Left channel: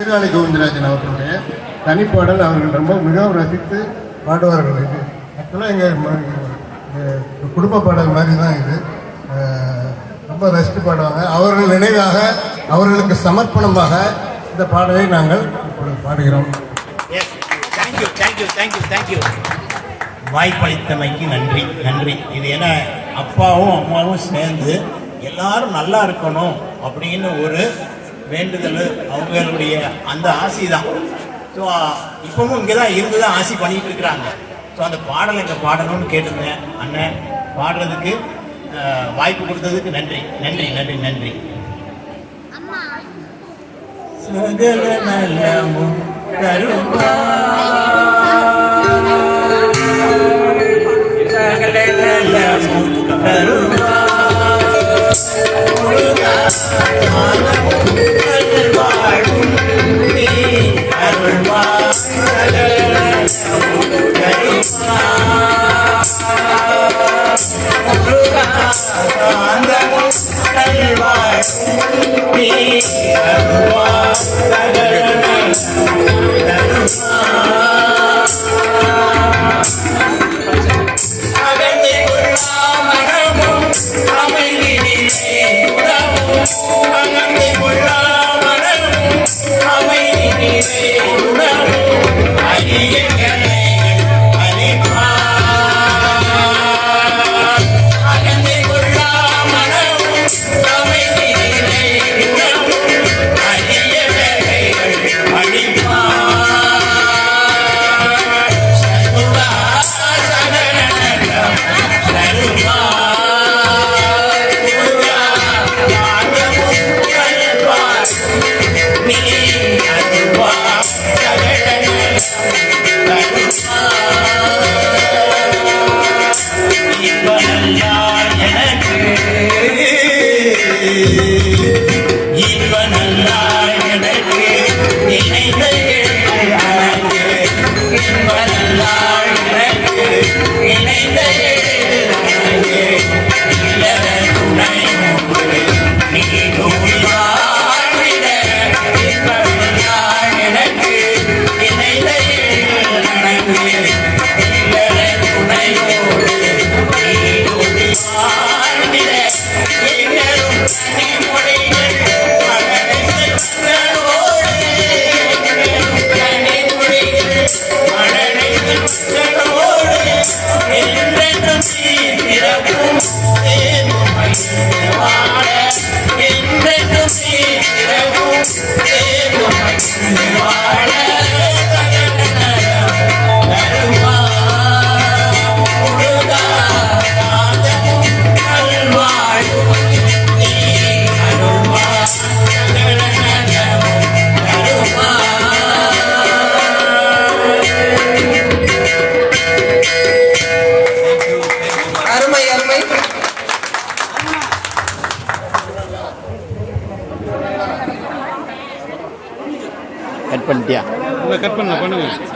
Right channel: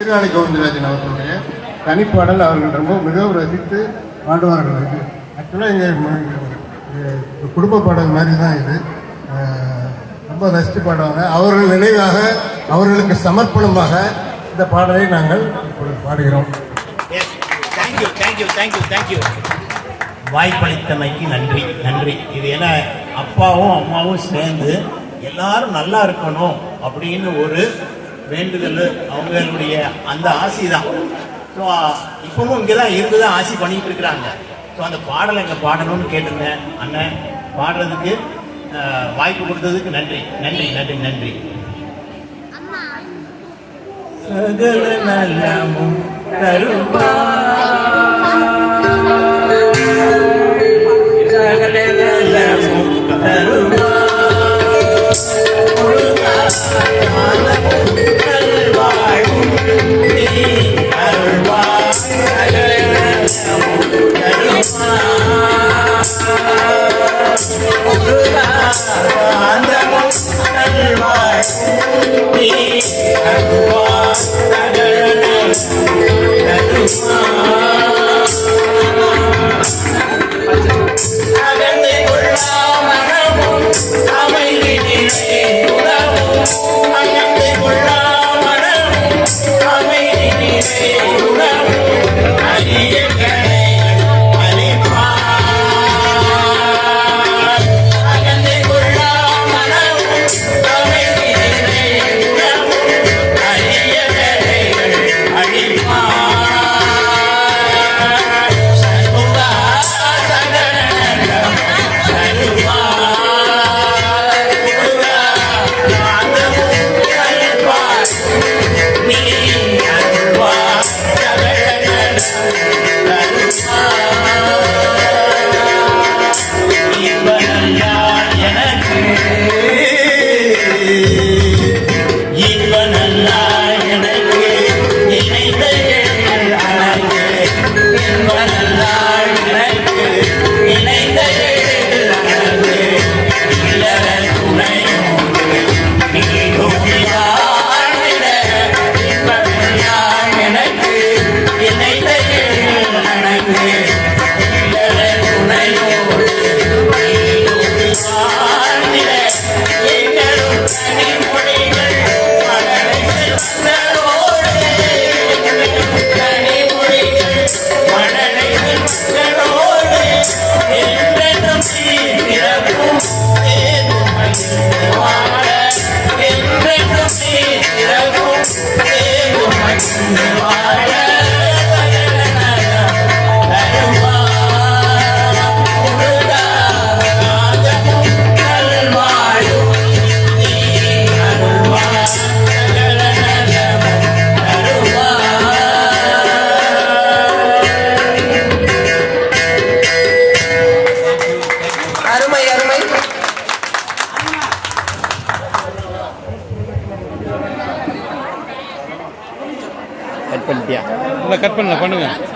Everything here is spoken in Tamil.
சீர்காழி கோவிந்தராஜன் அவர்களுடைய தனிப்பாடல் அவர்கள் ரொம்ப மிகவும் ரசித்து பாடுவார்கள். இது ஆக்சுவலாக எங்கள் குடும்ப பாடல் மாதிரி தான் இது. ரொம்ப ரசித்து பாடுவாங்க. அவர்கள் நினைவாக, அவர்களுக்கு சமர்ப்பணமாக இந்த பாடலை நாங்கள் பாடுகிறோம். வாய்ப்பளித்தமைக்கு நன்றி நன்றி. இது என்ன, அப்பாவும் அம்மாவும் சேர்ந்து எல்லாரும் நல்லா இருக்கணும் அப்படின்னு ஒரு வேண்டுதல், அவங்களுடைய அந்த ஆசை தான். ஸோ இப்பவும் இங்கே தான் இருந்து தான் ஆசை பண்ணிட்டு இருக்கிறாங்க. ஸோ அந்த பாடலை எங்கே பாடணும்னு கேட்டுங்க. அண்ணன் பாடுறதுக்கு வாய்ப்பு கொடுத்ததுக்கு நன்றி நன்றி நன்றி நன்றி. சகல நலமும் தருமா, சகல நலமும் தருமா, கட் பண்ணிட்டியா? இல்லை, கட் பண்ணுங்க.